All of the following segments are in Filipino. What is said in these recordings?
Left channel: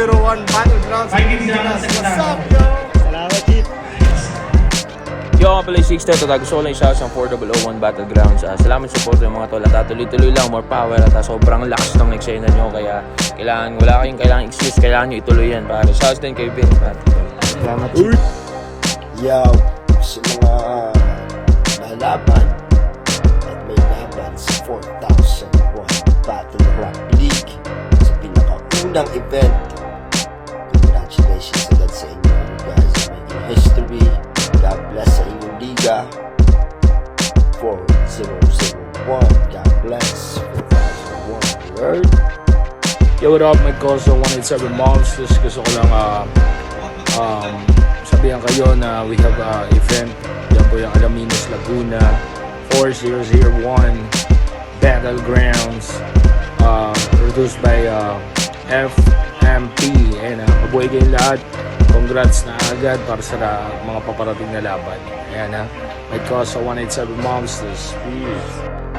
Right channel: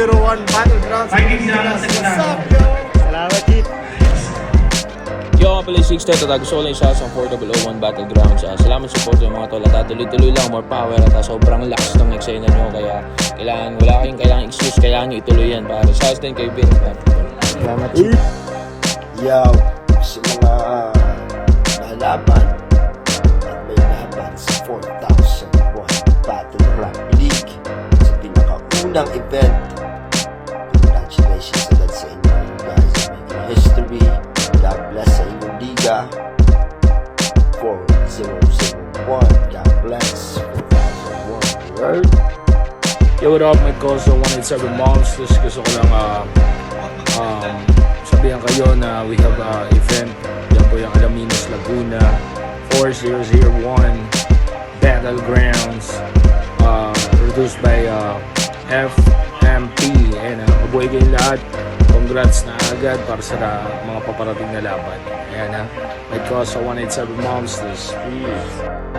4001 Battlegrounds. What's up, yo? Salamat, Chief. Yo, nga pala yung 6 Teto. Gusto ko lang siya sa 4001 Battlegrounds. Salamat support yung mga tol. At tuloy-tuloy lang, more power. At sobrang lakas ng eksena nyo. Kaya wala kayong kailangan excuse. Kailangan nyo ituloy yan. Para sa din kay Vince. Salamat, Chief. Yo, sa mga nalaban at may laban sa 4001 Battleground League sa pinakaunang event. Congratulations agad sa inyo, guys. Making history. God bless sa inyong liga. 4001. God bless. 4001. Word. Yo, what up, my Coso 187 Monsters. Gusto ko lang sabihan kayo na we have event. Yan po yung Alaminos Laguna 4001 Battlegrounds, produced by FMP. Ayan, mabuhay kayong lahat. Congrats na agad para sa mga paparating na laban. Ayan, my Coso 187 Monsters. Peace.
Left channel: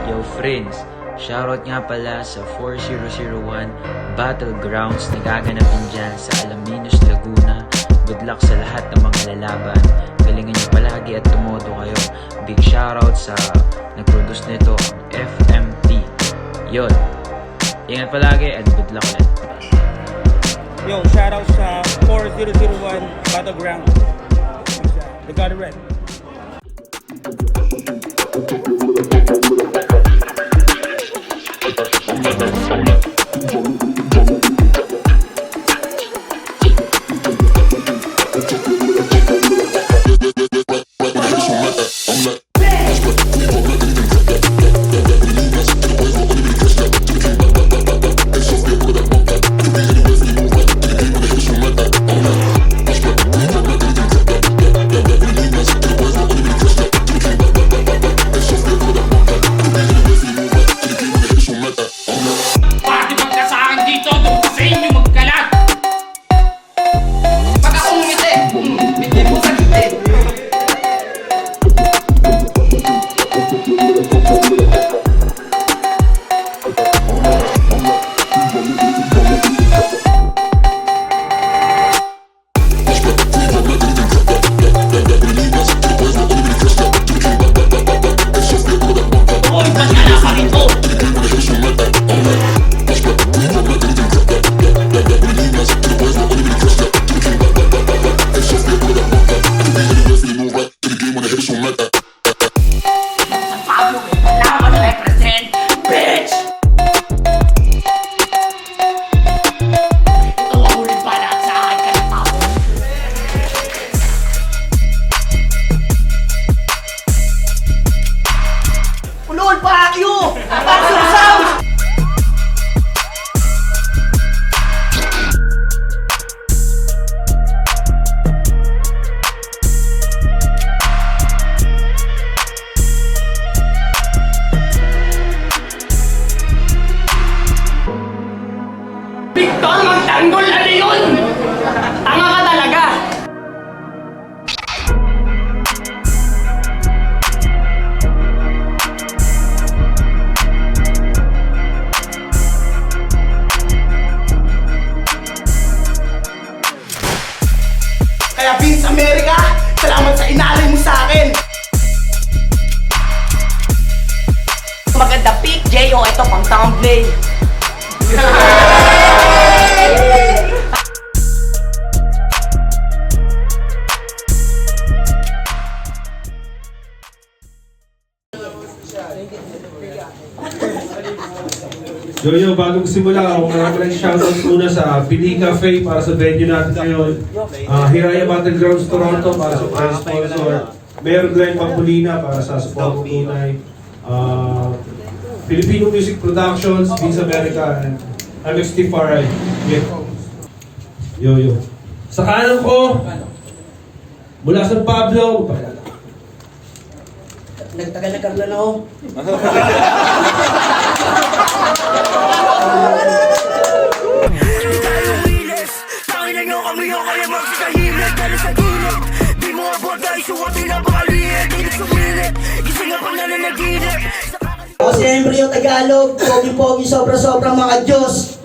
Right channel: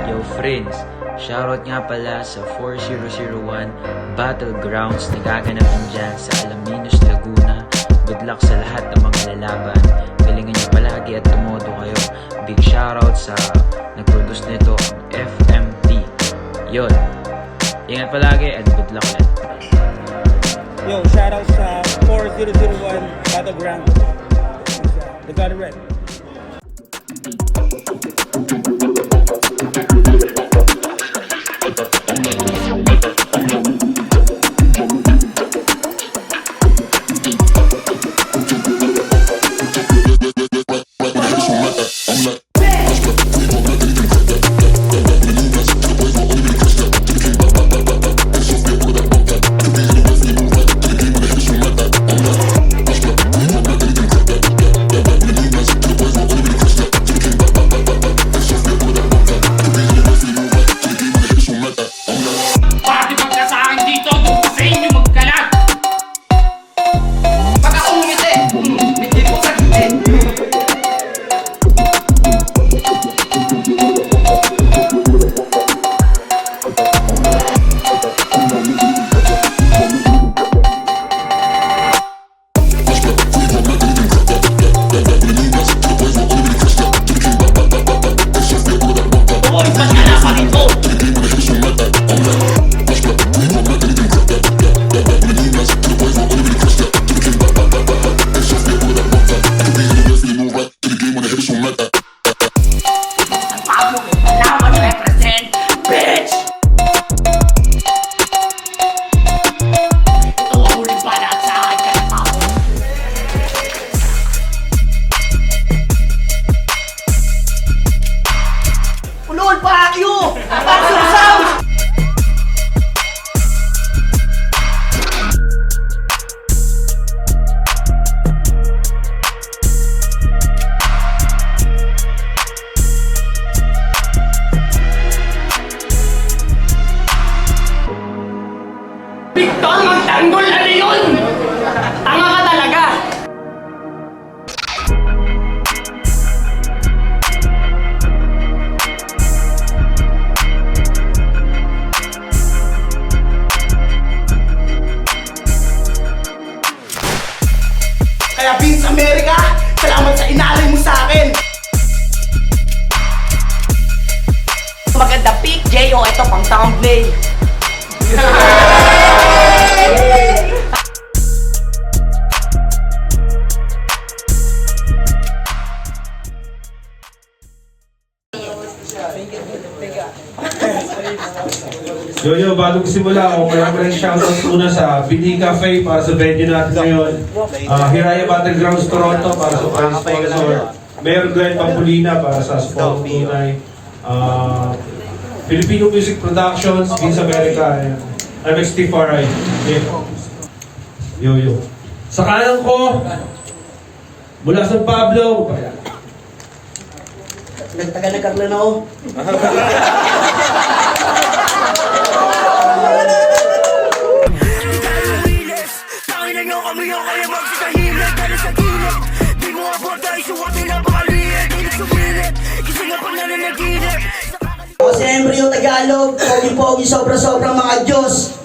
Yo friends, shoutout nga pala sa 4001 Battlegrounds na gaganapin dyan sa Alaminos, Laguna. Good luck sa lahat ng mga lalaban. Galingan nyo palagi at tumodo kayo. Big shoutout sa nag-produce nito, ang FMT. Yun, ingat palagi and good luck ulit. Yo, shoutout sa 4001 Battleground. We got it right. Tanggol, ano yun? Tanga ka talaga! Kaya Vince America, salamat sa inalay mo sa akin. Maganda pick, J.O. Ito pang thumbnail. Yo, bagong simula ako, kaya malang shoutout muna sa Bini Cafe para sa venue natin ngayon. Hiraya Battlegrounds Toronto para sa prime sponsor. Mayor Glenn Pampulina para sa support tunay. Filipino Music Productions, Vince America, and MXT Farai. Yo. Sa kanan ko, Mula San Pablo, Nagtaga-nagkaglan ako. Tayo wilis, tangin nyo kami yung kaya magsisahimik. Dali sa gilid, di mo abot dahil suwatin na pakaliit. Hindi sumingit, gising nga pang nananaginip. Ako si Embryo Tagalog, pogi-pogi sobra-sobra mga Diyos.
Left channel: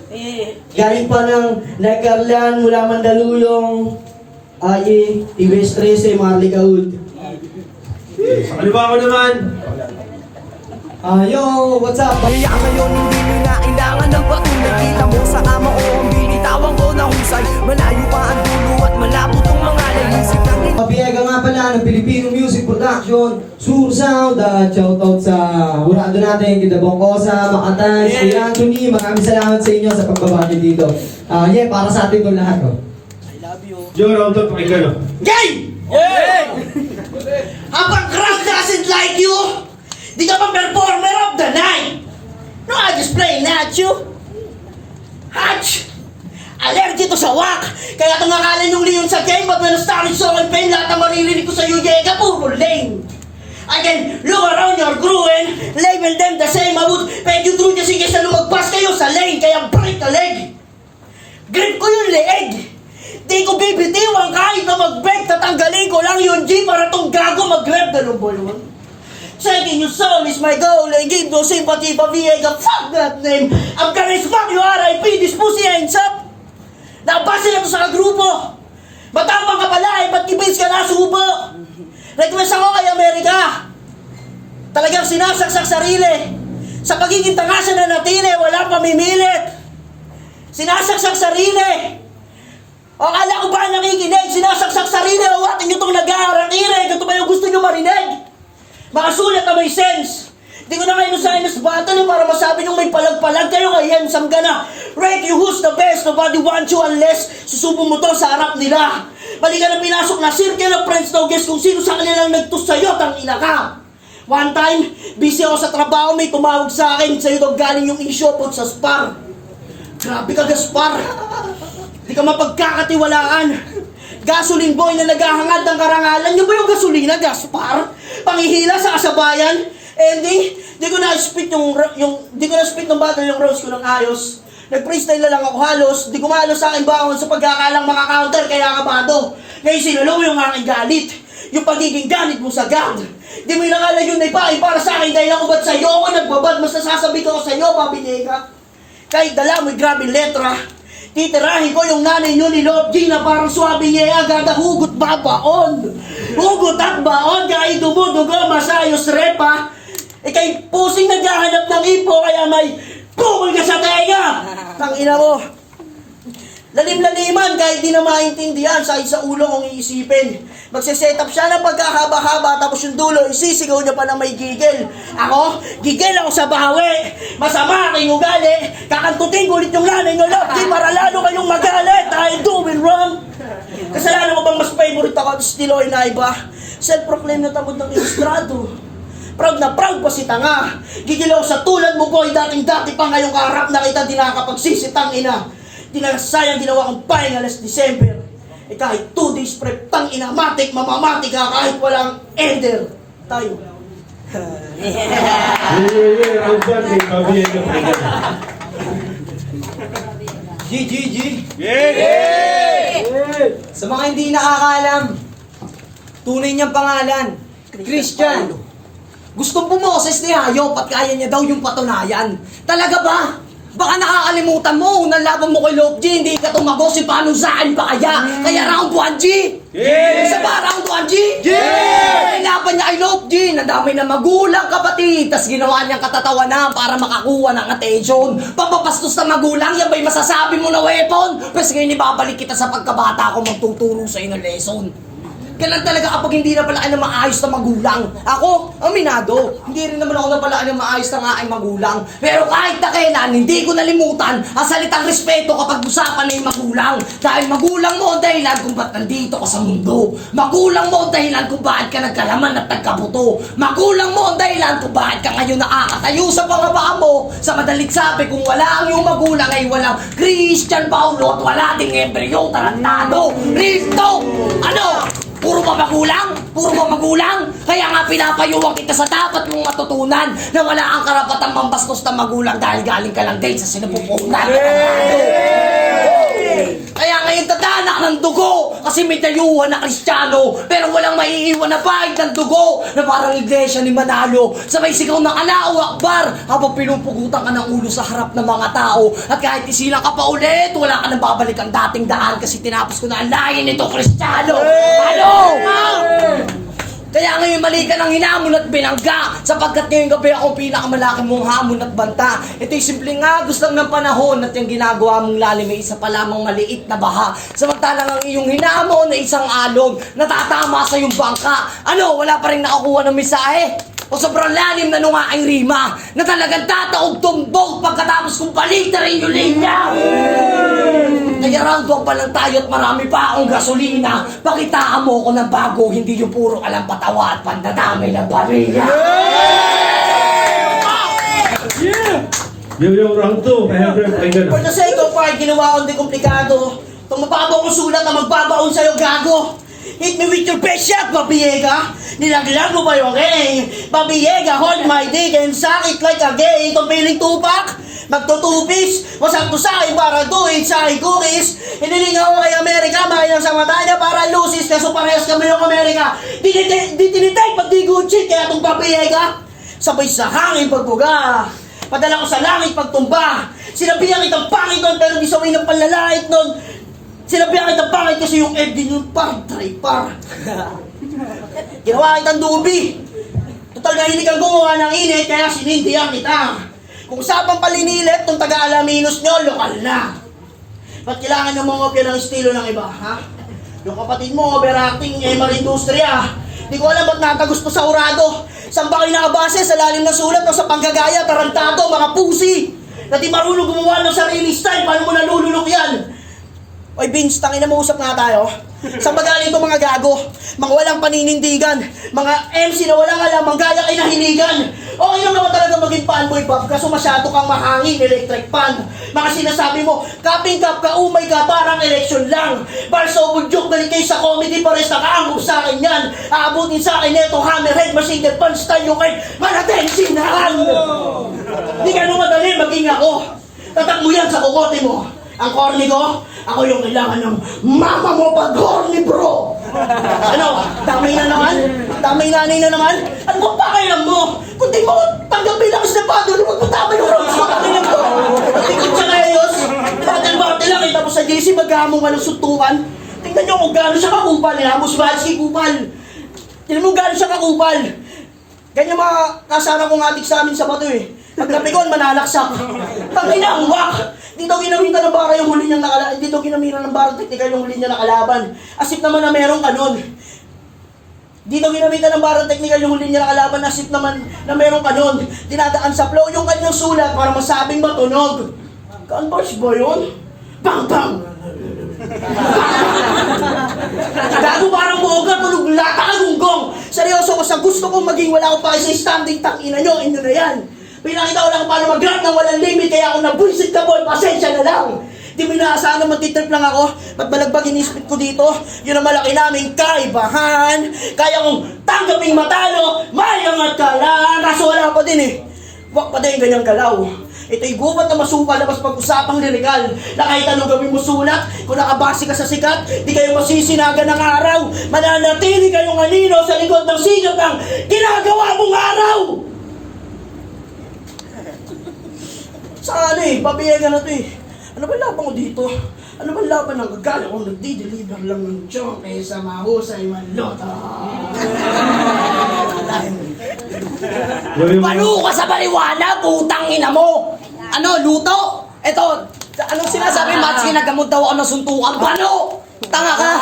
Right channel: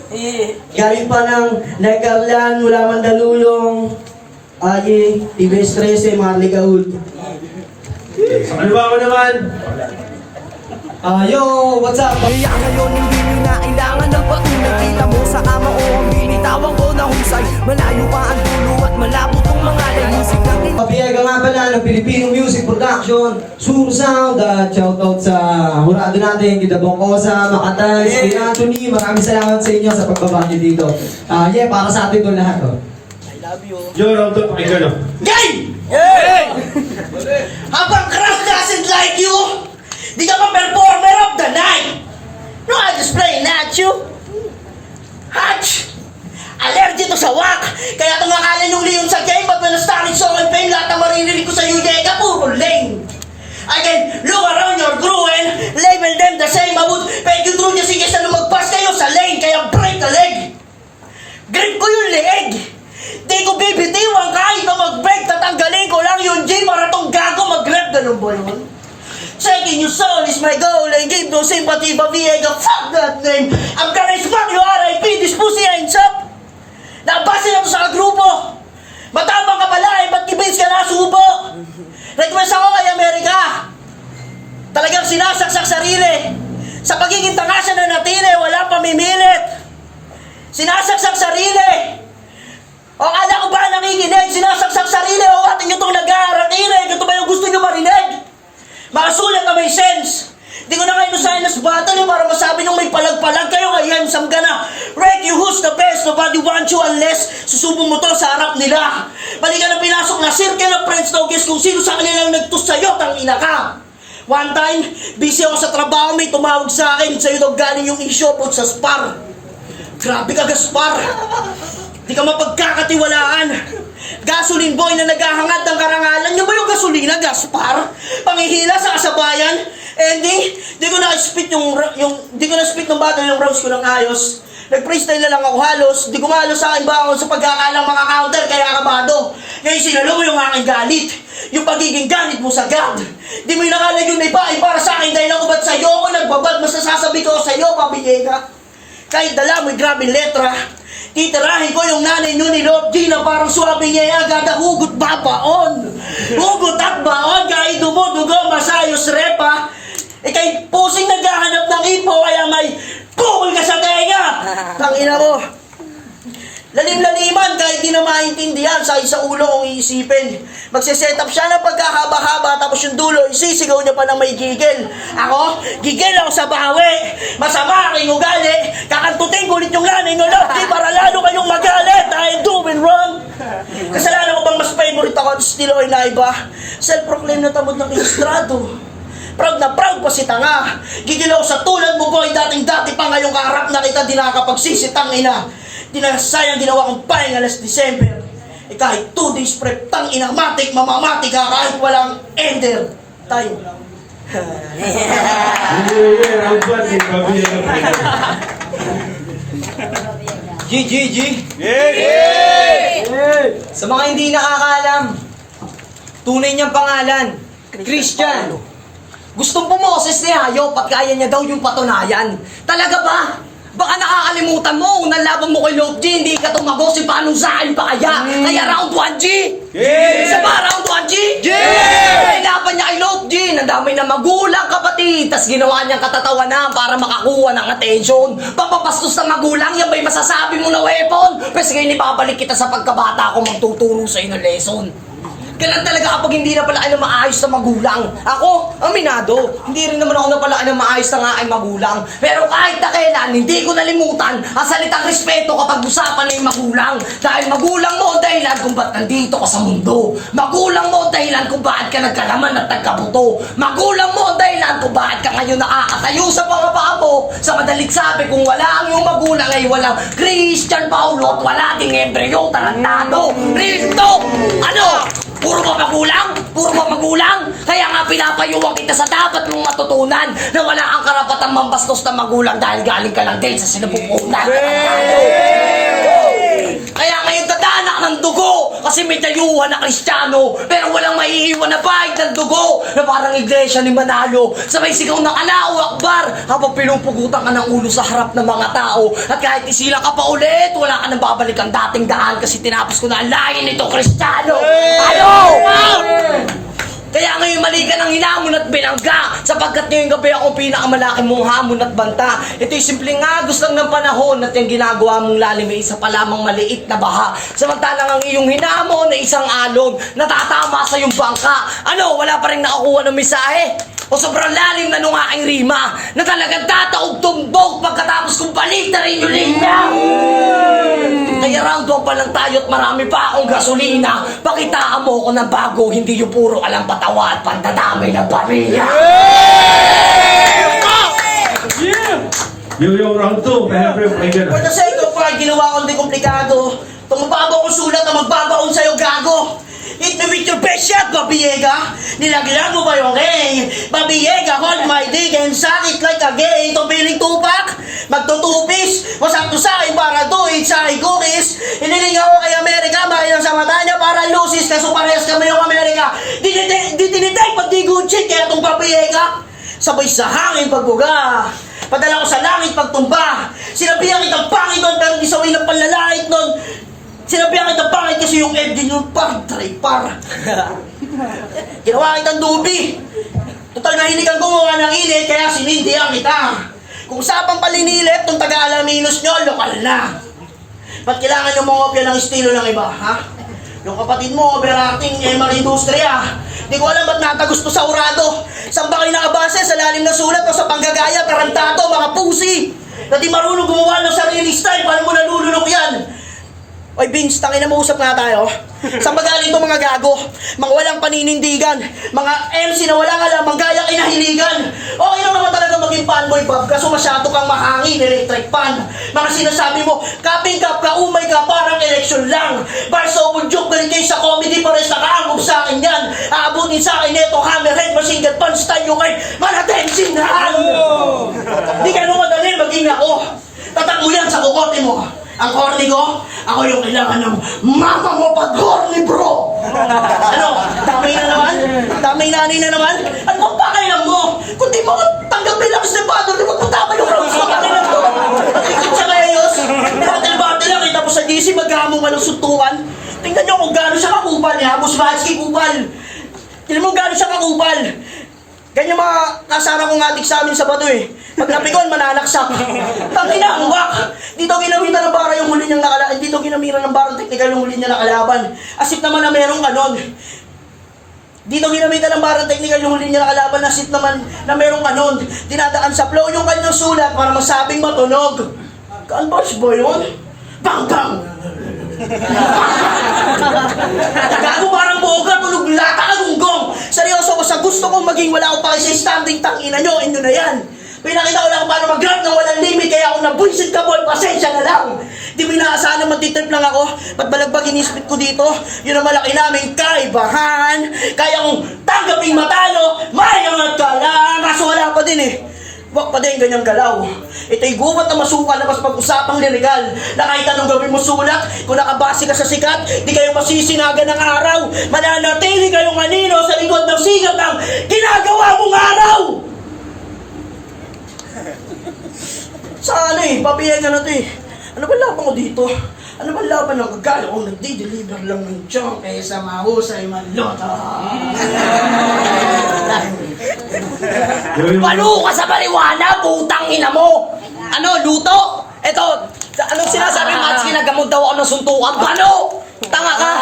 Galing pa ng Nagkarlan, mula Mandaluyong, TBS 13, Marley Caud. sa kaliwa ko naman, Yo, what's up? Kaya ngayon hindi nyo na kailangan ng patunay. Kita mo sa kama o ang binitawan ko na husay. Malayo pa ang dulo at malabo tong mga music natin. Mabiyega nga pala ng Filipino Music Production, Sur Sound, shoutout sa hurado natin, Kita Bongkosa, Makatans, Kuya Anthony, maraming salamat sa inyo sa pagbaba nyo dito. Para sa atin to lahat. Joe, round up, pakinggan, no? Gay! Habang crowd doesn't like you, di ka pa performer of the night. No, I'm just playing at you. Hatch! Allergy to sa wak. Kaya tumakalan yung Leon sa game, but when I started showing pain, lahat ng maririnig ko sa Yuyega, puro lame. I can look around your crew and label them the same. I would peg you through just in case na lumagpas kayo sa lane, kaya break a leg. Grip ko yung leeg. Di ko bibitiwan kahit na mag-break, tatanggalin ko lang yung G para tong gago mag-grab. Ganun ba yun? Taking your soul is my goal. I give no sympathy but Viega, fuck that name. I'm gonna smack you RIP, this pussy ends up. Nabasa na to sa grupo. Matapang ka pala ba't kibins ka na subo? Request ako kay Amerika. Talagang sinasaksak sarili. Sa pagiging tangasa na natili, wala pamimilit. Sinasaksak sarili. O akala ko ba nakikinig? Sinasaksak sarili. O atin nyo itong nag-aaral-irig. Ito ba yung gusto nyo marinig? Mga sulat na may sense. Di ko na kayo nasahin na sa battle para masabi nung may palag-palag kayo kay Hemsam ka na. Rank you who's the best, nobody wants you unless susubong mo to sa harap nila. Bali ka na pinasok na circle of friends na guess kung sino sa kanilang nagtus sa'yo, tang ina ka. One time, busy ako sa trabaho, may tumawag sa akin, sa'yo daw galing yung issue po sa Spar. Grabe ka, Gaspar. Di ka mapagkakatiwalaan. Gasoline boy na naghahangad ng karangalan. Yung ba yung gasolina, Gaspar? Pangihila sa kasabayan? Di ko na-spit di ko na-spit ng battle yung rounds ko ng ayos. Nag-freestyle na lang ako halos. Di ko mahalos sa akin baon sa pagkakalang maka-counter kaya kabado. Ngayon sinalo yung aking galit. Yung pagiging ganit mo sa God. Di mo inakalag yung naipain para sa akin dahil ako ba't sa'yo ako nagbabad. Mas nasasabi ko sa'yo, pabigay ka. Kahit dala mo'y grabing letra. Titirahin ko yung nanay nyo ni Lord G na parang swabe niya agad hugot babaon. Hugot at baon, kahit dumudugo, masayos repa. Kay pusing naghahanap ng ipo, kaya may pukol ka sa tenga. Tangina mo. Lalim-laliman, kahit di na maintindihan, sa ulo kong iisipin. Magsiset up siya ng pagkakaba-haba, tapos yung dulo, isisigaw niya pa na may gigil. Ako, gigil ako sa bahawi. Masama aking ugali. Kakantutin ko ulit yung nanay ng Lord G para lalo kayong magalit. I'm doing wrong. Kasalanan ko bang mas favorite ako at estilo ay naiba? Self-proclaim na tamod ng ilustrado. Proud na proud pa si tanga. Gigil ako sa tulad mo boy, dating-dati pa ngayong kaharap na kita di nakakapagsisitang ina. Di na sayang ginawa kong pahinga last December. Kahit 2 days prep, tang ina, matik, mamamatik ka kahit walang ender. Tayo. round 1, eh, Pabiyega, pakinggan. G! Sa mga hindi nakakaalam, tunay niyang pangalan, Christian. Gustong bumoses ni Hayop at kaya niya daw yung patunayan. Talaga ba? Baka nakakalimutan mo, unang laban mo kay Love G, hindi ka tumagos, paano sa akin pa kaya? Kaya round 1 G! Isa pa, round 1 G! Kaya laban niya kay Love G, nadamay na magulang kapatid, tas ginawa niyang katatawanan para makakuha ng attention. Papapastos na magulang, yan ba'y masasabi mo na weapon? Pero sige, ibabalik kita sa pagkabata ko magtutulong sa'yo ng lesson. Ganun talaga kapag hindi na pala kayo maayos na magulang. Ako, aminado, hindi rin naman ako napalaan ng maayos na aking magulang. Pero kahit na kailan, hindi ko nalimutan ang salitang respeto kapag usapan na yung magulang. Dahil magulang mo ang dahilan kung ba't nandito ka sa mundo. Magulang mo ang dahilan kung bakit ka nagkalaman at nagkabuto. Magulang mo ang dahilan kung bakit ka ngayon nakakatayo sa pangabaan mo. Sa madalit sabi, kung wala ang iyong magulang ay walang Christian Paulo at wala ding Embryo Tarantado. Real talk! Ano? Puro mapagulang. Kaya nga pinapayuwang kita sa dapat mong matutunan na wala ang karapatang mambastos na magulang dahil galing ka lang din sa sinapupunan. Kaya ngayon tatanak ng dugo kasi may dayuhan na Kristiyano pero walang maiiwan na bahid ng dugo na parang iglesia ni Manalo. Sabay sigaw ng Allahu Akbar habang pinupugutan ka ng ulo sa harap ng mga tao at kahit isilang ka pa ulit, wala ka nang babalik ang dating daan kasi tinapos ko na ang lahi nito Kristiyano. Ano? Kaya ngayon mali ka ng hinamon at binangga sapagkat ngayong gabi ako pinakamalaki mong hamon at banta. Ito'y simpleng agos lang ng panahon at yung ginagawa mong lalim ay isa pa lamang maliit na baha. Samantalang ang iyong hinamon ay isang alon na tatama sa iyong bangka. Ano, wala pa rin nakakuha ng mensahe? O sobrang lalim na nung aking rima na talagang tataog tumbog pagkatapos kong balita rin yung linya. Kaya round 1 pa lang tayo at marami pa akong gasolina. Pakitaan mo ko ng bago, hindi yung puro alam patawa at pandadamay ng pamilya. Yo, round 2. For the sake of pride, ginawa kong di komplikado. Itong mababaw kong sulat na magbabaon sa'yo, gago. Hit me with your best shot, Babiega. Nilaglag mo ba yung ring? Babiega, hold my dick and suck it like a gay. Itong piling tupak, magtutupis. Wasap to sa'yo para doing sa'yo cookies. Hiniling ako kay Amerika, bahay lang sa mata niya para lusis. Kaso parehas kami yung Amerika. Di tinitake, pag di good shit, kaya itong Babiega. Sabay sa hangin pagbuga. Padala ko sa langit pagtumba. Sinabihan kitang pangit nun, pero di saway ng panlalait nun. Sinabihan kitang pangit kasi yung FD nyo pag-tripar. Ginawa kitang dubi. Total nahinig ang gumawa ng init, kaya sinindihan kita. Kung usapang palinilip, itong taga-alaminos nyo, lokal na. Ba't kailangan nyo mongopya ng estilo ng iba, ha? Yung kapatid mo, overacting, industriya. Di ko alam ba't nakagusto sa urado. Saan ba kayo nakabase? Sa lalim na sulat o sa panggagaya, tarantado, mga pusi. Na di marunong gumawa ng sarili style, paano mo nalulunok yan? Oy Vince, tangina mo, usap nga tayo. Saan ba galing itong mga gago? Mga walang paninindigan. Mga MC na walang alam, manggaya kinahiligan. Okay lang naman talaga maging fanboy, Bob, kaso masyado kang mahangin, electric fan. Mga sinasabi mo, kaping kap ka, umay ka, parang eleksyon lang. Bar sa ubudyok, balik kayo sa comedy, pares nakaangkop sa akin yan. Aabutin sa akin neto, hammerhead, machine gun, punch, style yung kayo, malatensinan. Di ka nung madali, maging ako. Tatak mo yan sa kukote mo. Ang corny ko, ako yung kailangan ng mama mo pag horny, bro! Ano? Damay na naman? Damay nanay na naman? At magpakailan mo? Kung di mo tanggapin lang sa father, di mo tatama yung road sa kanilang to! Pagkikit sa kayos, battle lang, tapos sa GC maghamong ka ng suntukan. Tingnan nyo kung gano'n siya kakupal, ha? Musvalski kupal. Tingnan mo gano'n siya kakupal. Ganyan mga kasama kong atik sa amin sa bato eh. Pag napigon, manalaksak. Pag inaangwak, dito ginamitan ng bara yung huli niyang nakalaban. Dito ginamitan ng bara technical yung huli niya nakalaban. Asip naman na merong kanon. Dito ginamitan ng bara technical yung huli niya nakalaban. Asip naman na merong kanon. Dinadaan sa flow yung kanyang sulat para masabing matunog. Gunbosh ba yun? Bang bang! Gago parang boga, tunog lata na gunggong. Seryoso ko sa gusto kong maging wala akong pake sa standing, tangina nyo, inyo na yan. Pinakita ko lang kung paano mag-rap ng walang limit, kaya ako nabuisit ka boy, pasensya na lang. Di mo inaasahan na matitrip lang ako, ba't balagbag inispit ko dito? Yun ang malaki naming kaibahan. Kaya kong tanggaping matalo, may angat ka lang. Kaso wala pa din eh. Wak pa din ganyang galaw. Ito'y gubat na masukal na mas pag-usapang lirikal na kahit anong gawin mo sulat, kung nakabase ka sa sikat, di kayo masisinaga ng araw. Mananatili kayong anino sa likod ng sigat ng ginagawa mong araw. Sa ano eh, pabiyagan na ito eh. Ano ba laban ko dito? Ano ba laban ng gagala kung nagdi-deliver lang ng chong kaysa mahusay manlota? Palo ka sa baliwana, putang ina mo! Ano, luto? Eto, anong sinasabi, Matski, nagamot daw ako ng suntukan? Pano? Tanga ka!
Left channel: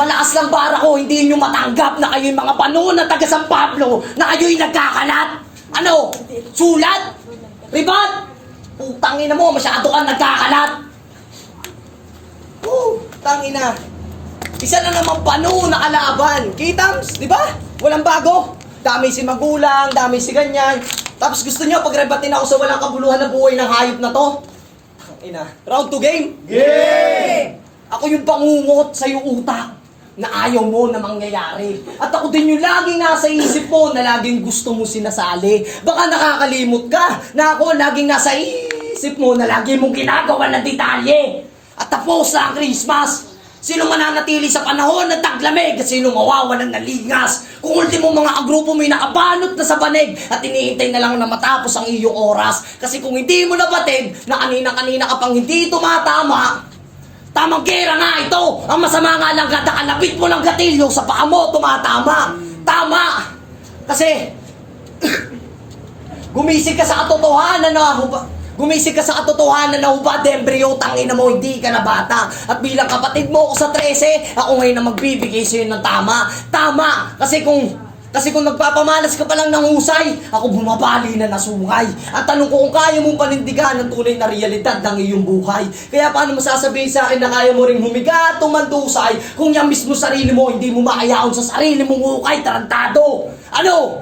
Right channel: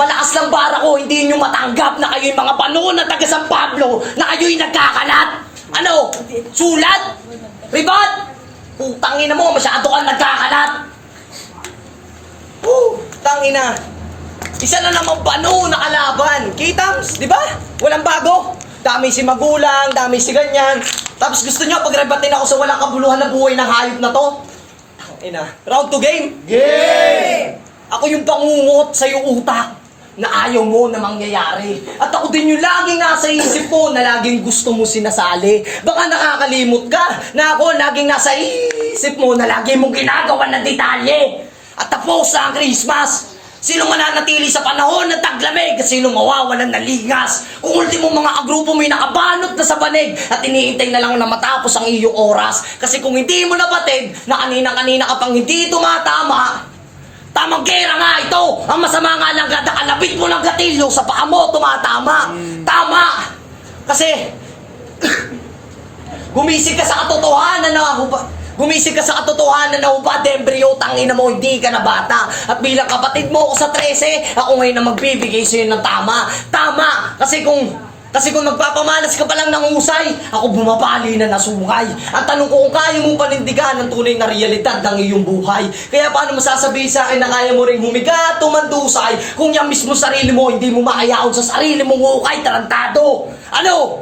Malakas lang para ko, hindi nyo matanggap na kayo'y mga panuon na taga San Pablo, na kayo'y nagkakalat! Ano? Sulat? Ribat? Putang ina mo, masyado kang nagkakalat! Tangina. Isa na naman pano na kalaban. Kitams, di ba? Walang bago. Dami si magulang, dami si ganyan. Tapos gusto nyo pagrebatin ako sa walang kabuluhan na buhay ng hayop na to? Ina, round to game? Game! Ako yung pangungot sa iyong utak. na ayaw mo na mangyayari. At ako din yung laging nasa isip mo na laging gusto mo sinasali. Baka nakakalimot ka na ako laging nasa isip mo na lagi mong ginagawa ng detalye. At tapos na ang Christmas. Sino mananatili sa panahon ng taglamig at sino mawawalan ng lingas? Kung ultimo mga agrupo mo'y nakabanot na sa banig at iniintay na lang na matapos ang iyong oras. Kasi kung hindi mo nabatid na kanina-kanina ka pang hindi tumatama, tamang gera nga ito! Ang masama nga lang kada kalabit mo ng gatilyo sa paa mo tumatama. Tama! Kasi gumising ka sa katotohanan na Gumising ka sa katotohanan na hubad, embryo, tangina mo, hindi ka na bata. At bilang kapatid mo ako sa 13, ako ngayon na magbibigay sa'yo ng tama. Tama! Kasi kung nagpapamalas ka pa lang ng husay, ako bumabali na nasungay. At tanong ko kung kaya mong panindigan ang tunay na realidad ng iyong buhay. Kaya paano masasabihin sa akin na kaya mo ring humiga at tumandusay kung yung mismo sarili mo hindi mo makayaon sa sarili mong hukay, tarantado? Ano?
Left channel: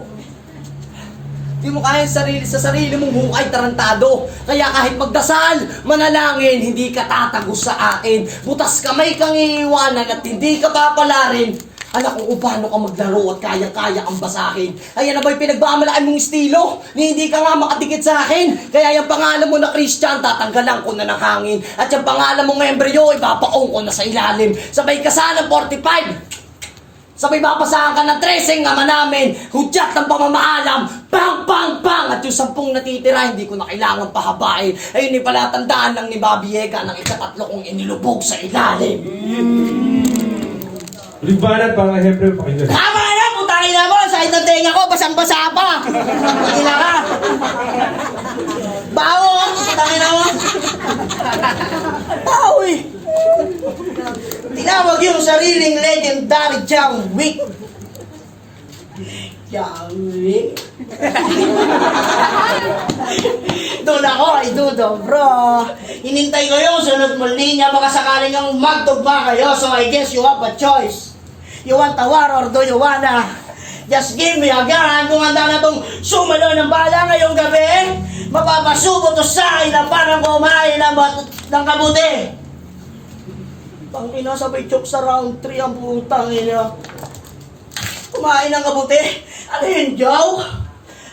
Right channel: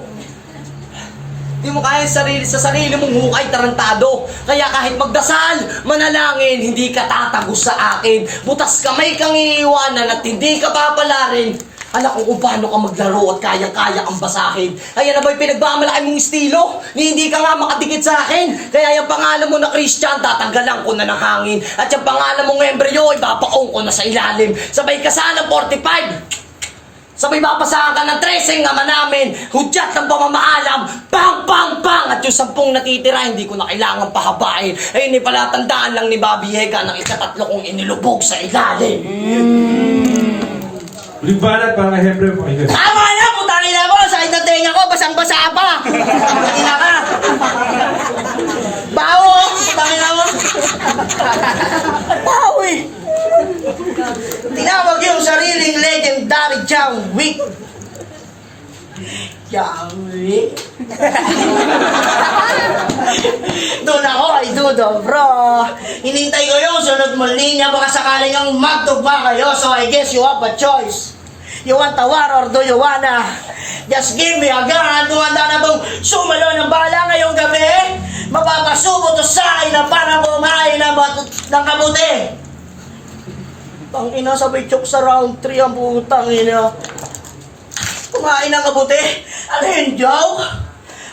Hindi mo kaya sa sarili mong hukay, tarantado. Kaya kahit magdasal, manalangin, hindi ka tatagos sa akin. Butas kamay kang iiwanan at hindi ka papalarin. Anak ko kung paano ka maglaro at kaya-kaya kang basahin. Kaya na ba'y pinagmamalaki mong estilo? Ni hindi ka nga makadikit sa akin. Kaya yung pangalan mo na Christian, tatanggalan ko na ng hangin. At yung pangalan mong embryo, ipapaong ko na sa ilalim. Sabay ka sana 45. Sabay mapasahan ka ng 13 nga namin. Hudyat ng pamamaalam. Bang, bang, bang. At yung 10 natitira, hindi ko na kailangan pahabain. Ayun, palatandaan lang ni Bobby Yega ng ikatatlo kong inilubog sa ilalim. Libanat para Hebre, pakinggan. Tama na, putangin na mo! Sakit ng tenga ko, basang-basa pa! Hindi na ka! Bawo! Putangin na mo! Bawo eh! Tinawag yung sariling legendary John Wick. John Wick? Doon ako, idudo, bro. Hinintay ko yung sunod mo linya, baka sakaling ang magtugma kayo, so I guess you have a choice. You want a war or do you wanna just give me a gun? Kung handa na bang sumalo ng bala ngayong gabi, mapapasubo to sa akin na parang kumain ng kabuti. Tangina, sabay chok sa round 3 ang putang ina. Kumain ng kabuti. Ano yun, Joe?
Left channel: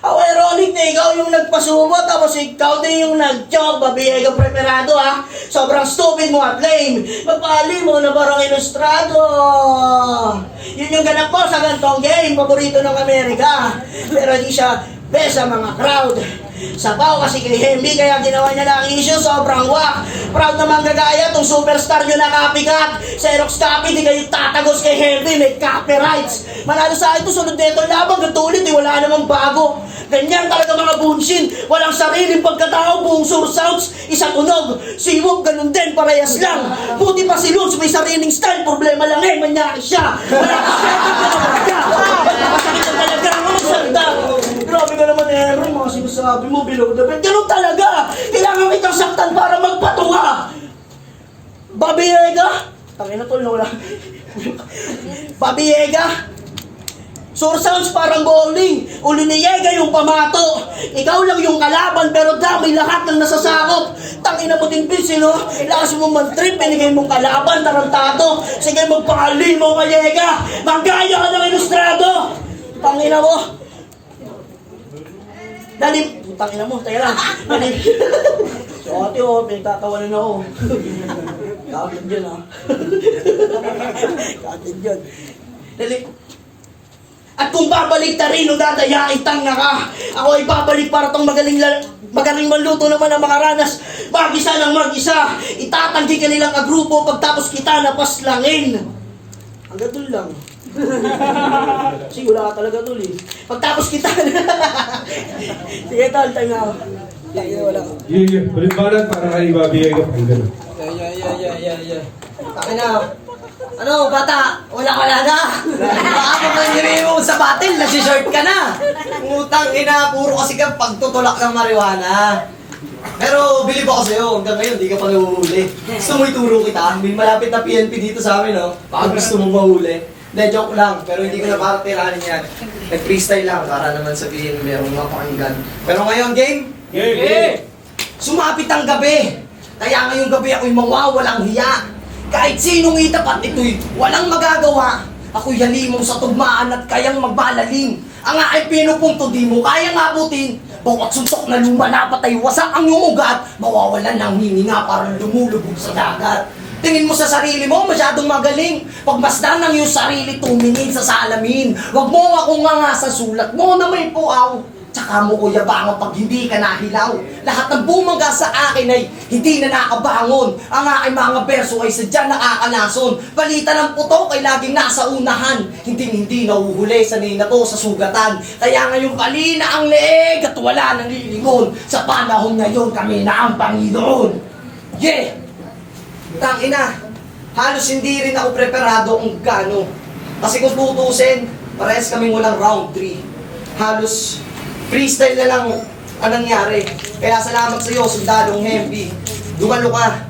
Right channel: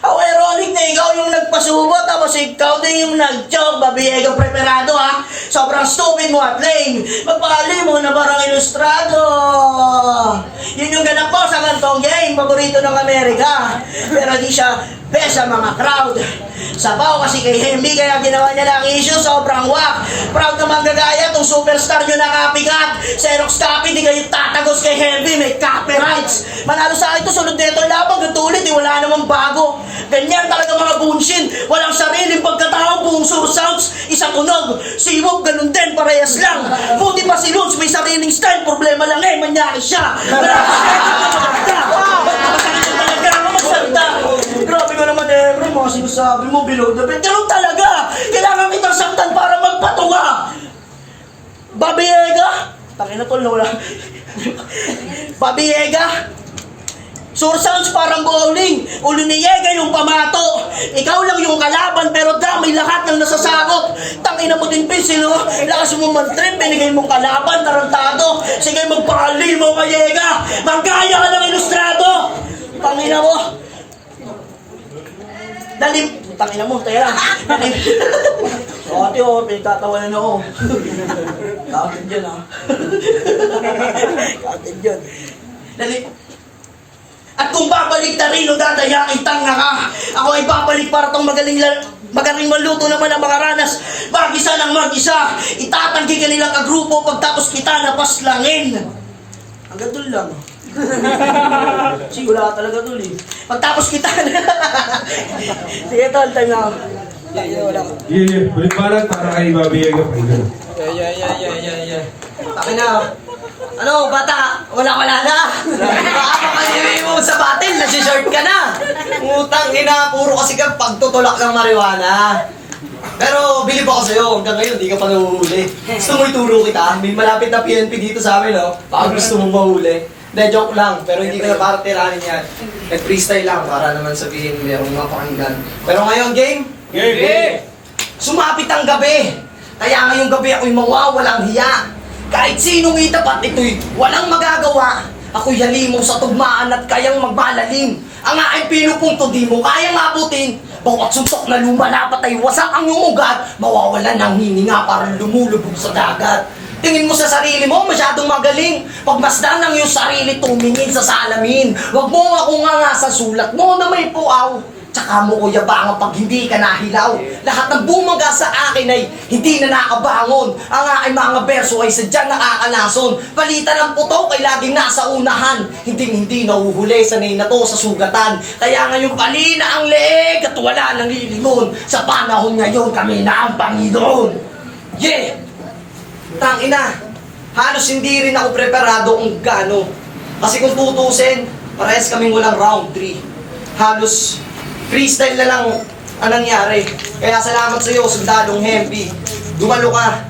How ironic na ikaw yung nagpasubo tapos ikaw din yung nag-choke. Babiyego preparado ha. Sobrang stupid mo at lame. Magpahali mo na parang ilustrado. Yun yung ganap mo sa gantong game. Paborito ng Amerika. Pero di siya best sa mga crowd. Sabaw kasi kay Hemby kaya ginawa niya lang issue, sobrang wak. Proud naman gagaya tong superstar nyo na kapikat. Xerox copy, di kayo tatagos kay Hemby, may copyrights. Manalo sa akin to, sunod neto labang, gatulit, wala namang bago. Ganyan talaga mga bunshin, walang sariling pagkatao, buong sounds, isang tunog. Si Wog, ganun din, parehas lang. Buti pa si Lutz, may sariling style, problema lang eh, manyari siya. Nakakasakit ang talaga, magsalita. Grabe ka naman eh, mga sinasabi mo, below the belt. Ganun talaga! Kailangan kitang saktan para magpatunga! Bobby Yega! Tangina tol, wala. Bobby Yega! Sounds parang bowling. Ulo ni Yega yung pamato. Ikaw lang yung kalaban pero damay lahat ng nasasakop. Tangina mo din pencil, no? Lakas mo mag-trip, binigay mong kalaban, tarantado. Sige, magpakali mo ka, Yega. Manggaya ka ng ilustrado. Tangina mo. Dalim. Tangina mo, tayo lang. Dalim. So, ate, pinagtatawanan ako. Kaagad dyan, ha? Kaagad dyan. Dalim. At kung babalik na rin o dadayain, tanga ka. Ako ay babalik para itong magaling maluto naman ang makaranas. Mag-isa ng mag-isa. Itatanggi ka nilang agrupo pagtapos kita napaslangin. Hanggang doon lang. Kasi wala ka talaga doon eh. Pagtapos kita sige tol, time na ako. Wala ka. Yeah. Libanat para kay Bobby Yega, pakinggan. Yeah. Taki na. Ano, bata? Wala na. Baka mapag-iwi mo sa batil, nasi-short ka na. Utang ina, puro kasi ka pagtutulak ng marijuana. Pero bilib ako sa'yo, hanggang ngayon, di ka pa nahuhuli. Gusto mo ituro kita? May malapit na PNP dito sa amin, no? Baka gusto mong mahuli. Hindi, joke lang, pero hindi ko na para tiranin yan. Nag-freestyle lang para naman sabihin merong mapakinggan. Pero ngayon, game? Game! Sumapit ang gabi. Kaya ngayong gabi ako'y mawawalang hiya. Kahit sinong itapat ito'y walang magagawa. Ako'y halimaw sa tugmaan at kayang magbalalim. Ang aking pinupunto di mo kayang abutin. Bawat suntok na lumalapat ay wasak ang iyong ugat. Mawawalan ng hininga parang lumulubog sa dagat. Tingin mo sa sarili mo, masyadong magaling. Pagmasdan ng iyong sarili, tumingin sa salamin. Huwag mo ako nga sa sulat mo na may puaw. Tsaka mo ko yabangan pag hindi ka nahilaw. Lahat ng bumaga sa akin ay hindi na nakabangon. Ang aking mga berso ay sadyang nakakalason. Palitan ng putok ay laging nasa unahan. Hindi nahuhuli, sanay na to sa sugatan. Kaya ngayon palina ang leeg at wala nang lilingon. Sa panahon ngayon kami na ang Panginoon. Yeah! Tangina, halos hindi rin ako preparado kung gano. Kasi kung tutusin, parehas kaming walang round 3. Halos freestyle na lang ang nangyari. Kaya salamat sa iyo, Sundalong Hempi. Dumalo ka.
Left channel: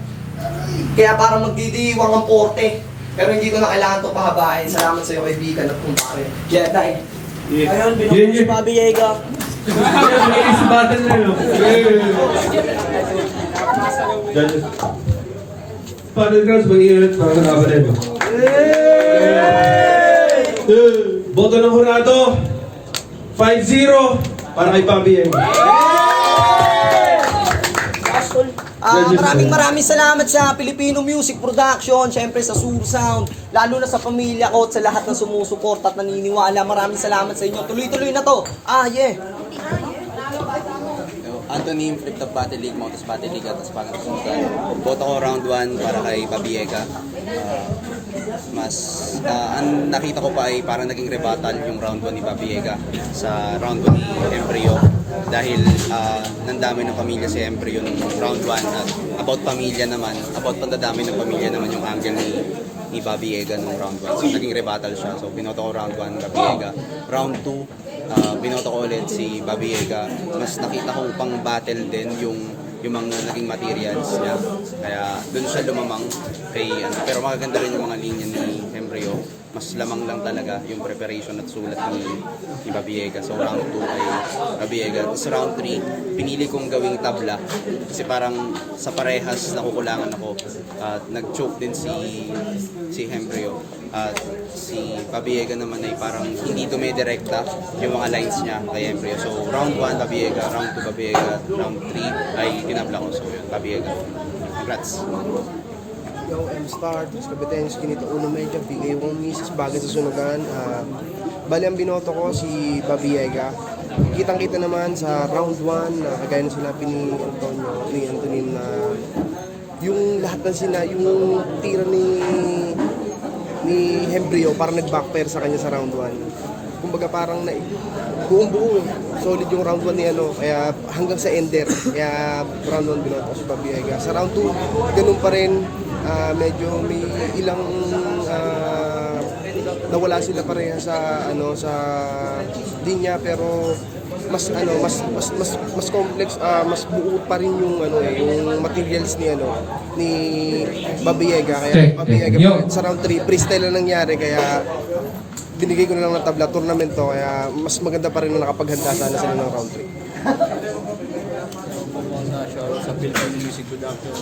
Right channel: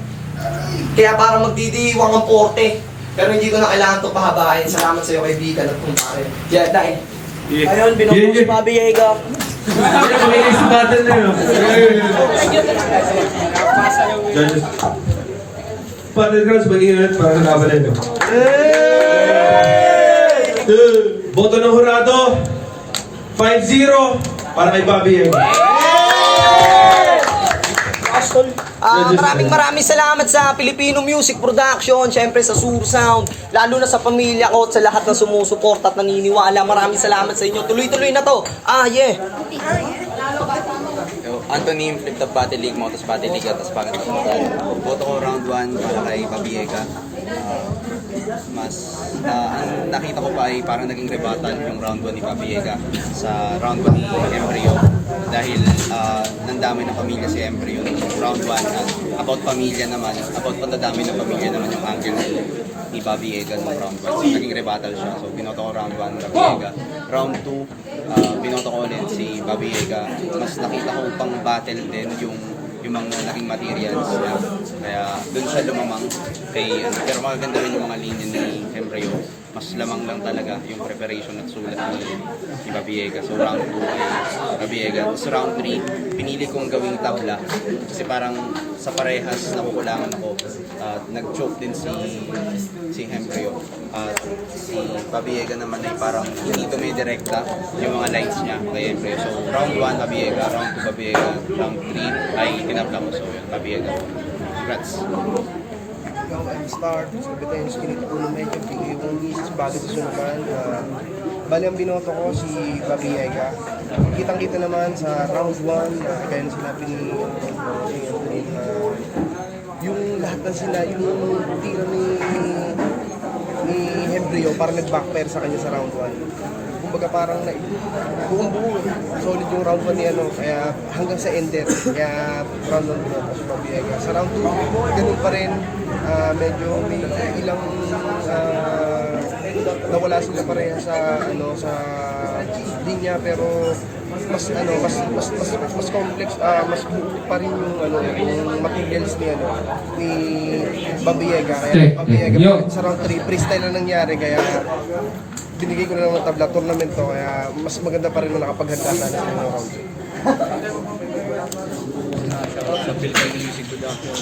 Kaya para magdidiwang ang porte. Pero hindi ko na kailangan ito pahabain. Salamat sa iyo, kaibigan at kumpare. Kaya dahil. Ayun, binukong si Bobby Ega. May next battle na yun. Battlegrounds, mag-ingat para sa laban na yun. Boto ng hurado, 5-0 para kay Bobby Ega. Maraming salamat sa Filipino Music Production, syempre sa Sur Sound, lalo na sa pamilya ko at sa lahat na sumusuporta at naniniwala. Maraming salamat sa inyo. Tuloy-tuloy na to. Yeah. Anthony, Flip Top Battle League, Motos Battle League at Aspagan Sunugan. Boto ko round 1 para kay Babiega. Ang nakita ko pa ay parang naging rebuttal yung round 1 ni Babiega sa round 1 ni Embryo. Dahil nandamay ng pamilya si Embryo round 1 at about pamilya naman, about pandadami ng pamilya naman yung angle ni Babiega nung round 1. So naging rebuttal siya. So binoto ko round 1 Babiega. Round 2, binoto ko ulit si Babiega. Mas nakita ko pang battle din yung mga naging materials niya. Kaya doon siya lumamang kay pero magaganda rin yung mga linya ni Embryo. Mas lamang lang talaga yung preparation at sulat ni Babiega. So round 2 ay Babiega. Tapos round 3, pinili kong gawing tabla kasi parang sa parehas nakukulangan ako. At nag-choke din si Embryo. At si Babiega naman ay parang hindi dumidirekta yung mga lines niya kay Embryo. So round 1 Babiega, round 2 Babiega, round 3 ay tinabla ko. So yun, Babiega. Congrats! Start, Competence, kinito ulo medyo, bigay yung misis bagay sa sunugan. Bali ang binoto ko si Babiega. Kitang-kita naman sa round 1 na kagaya na sinabi ni Anthony na yung lahat ng yung tira ni Embryo parang nag-backfire sa kanya sa round 1. Kumbaga parang buong-buo solid yung round 1 ni kaya hanggang sa ender, kaya round 1 binoto si Babiega. Sa round 2, ganun pa rin, medyo may ilang nawala sila pareha sa sa linya, pero mas complex, mas buo pa rin yung yung materials ni Babiega. Kaya Babiega sa round 3 freestyle na nangyari, kaya binigay ko na lang ng tabla tournament to, kaya mas maganda pa rin na nakapaghanda sana sila ng round 3. Sa Filipino Music Production,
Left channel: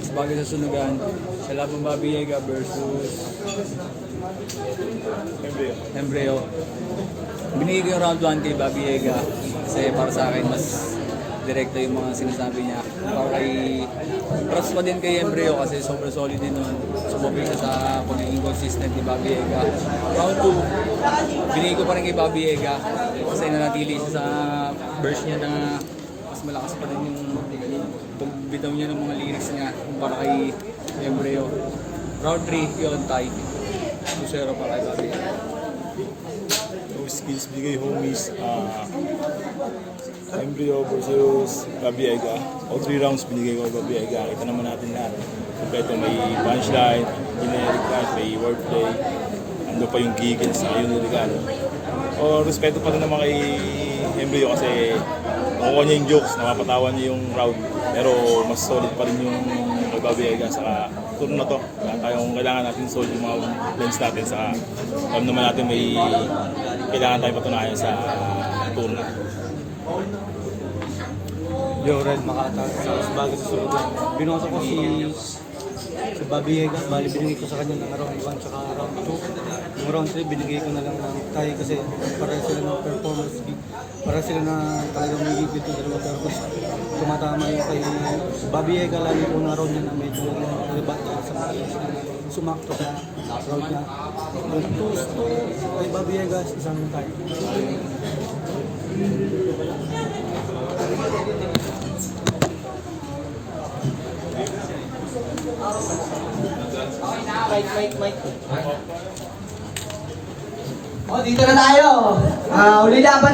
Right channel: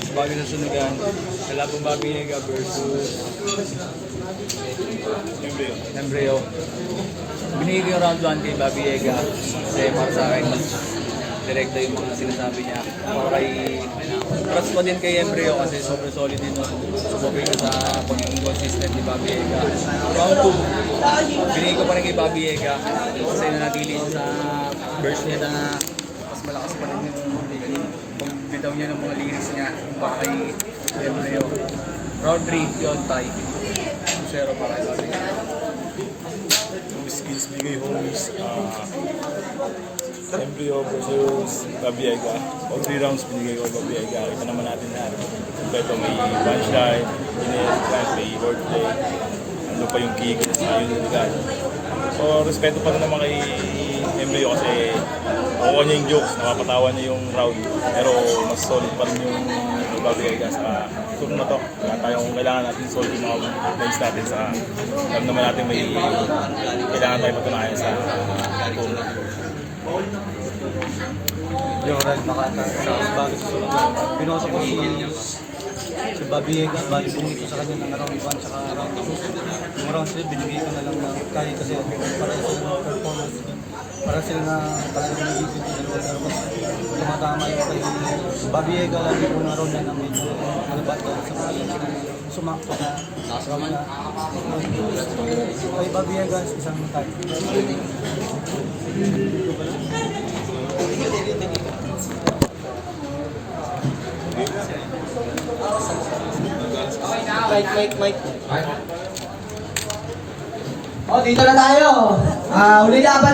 Aspagan ng Sunugan, Kalabang Babiega versus Embryo. Binigay ko yung round 1 kay Babiega kasi para sa akin mas direkta yung mga sinasabi niya. Trust ko din kay Embryo kasi sobrang solid din naman. Subukin ko sa pagiging consistent ni Babiega. Round 2, binigay ko pa rin kay Babiega kasi nanatili siya sa verse niya na mas malakas pa rin yung pagbitaw niya ng mga lyrics niya para kay Embryo. Round 3, yun, tie. 2-0 pa kay Babiega. Skills bigay homies, Embryo versus Babiega. All 3 rounds binigay ko Babiega. Kita naman natin na ito may punchline, generic line, may wordplay, ano pa yung giggles na yung lyrical. So respeto pa rin naman kay Embryo kasi nakuha niya yung jokes, nakapatawa niya yung round. Pero mas solid pa rin yung Babiega sa tour na to. Kailangan natin solve yung mga lines natin sa alam naman natin may kailangan tayo patunayan sa tour na to. Yung Red Makata sa Aspagan sa Sunugan. Binoto ko si Babiega, bali binigay ko sa kanya ng round 1 tsaka round 2. Yung round 3, binigay ko na lang kasi para sila ng performance. Para sila na talagang nagigit yung dalawa tapos tumatama yung kay Babiega lagi ko na round na medyo nabata sa mga sumakto na round na. Kay Babiega, isang tayo. Mike. Oh, dito na tayo. Uli laban.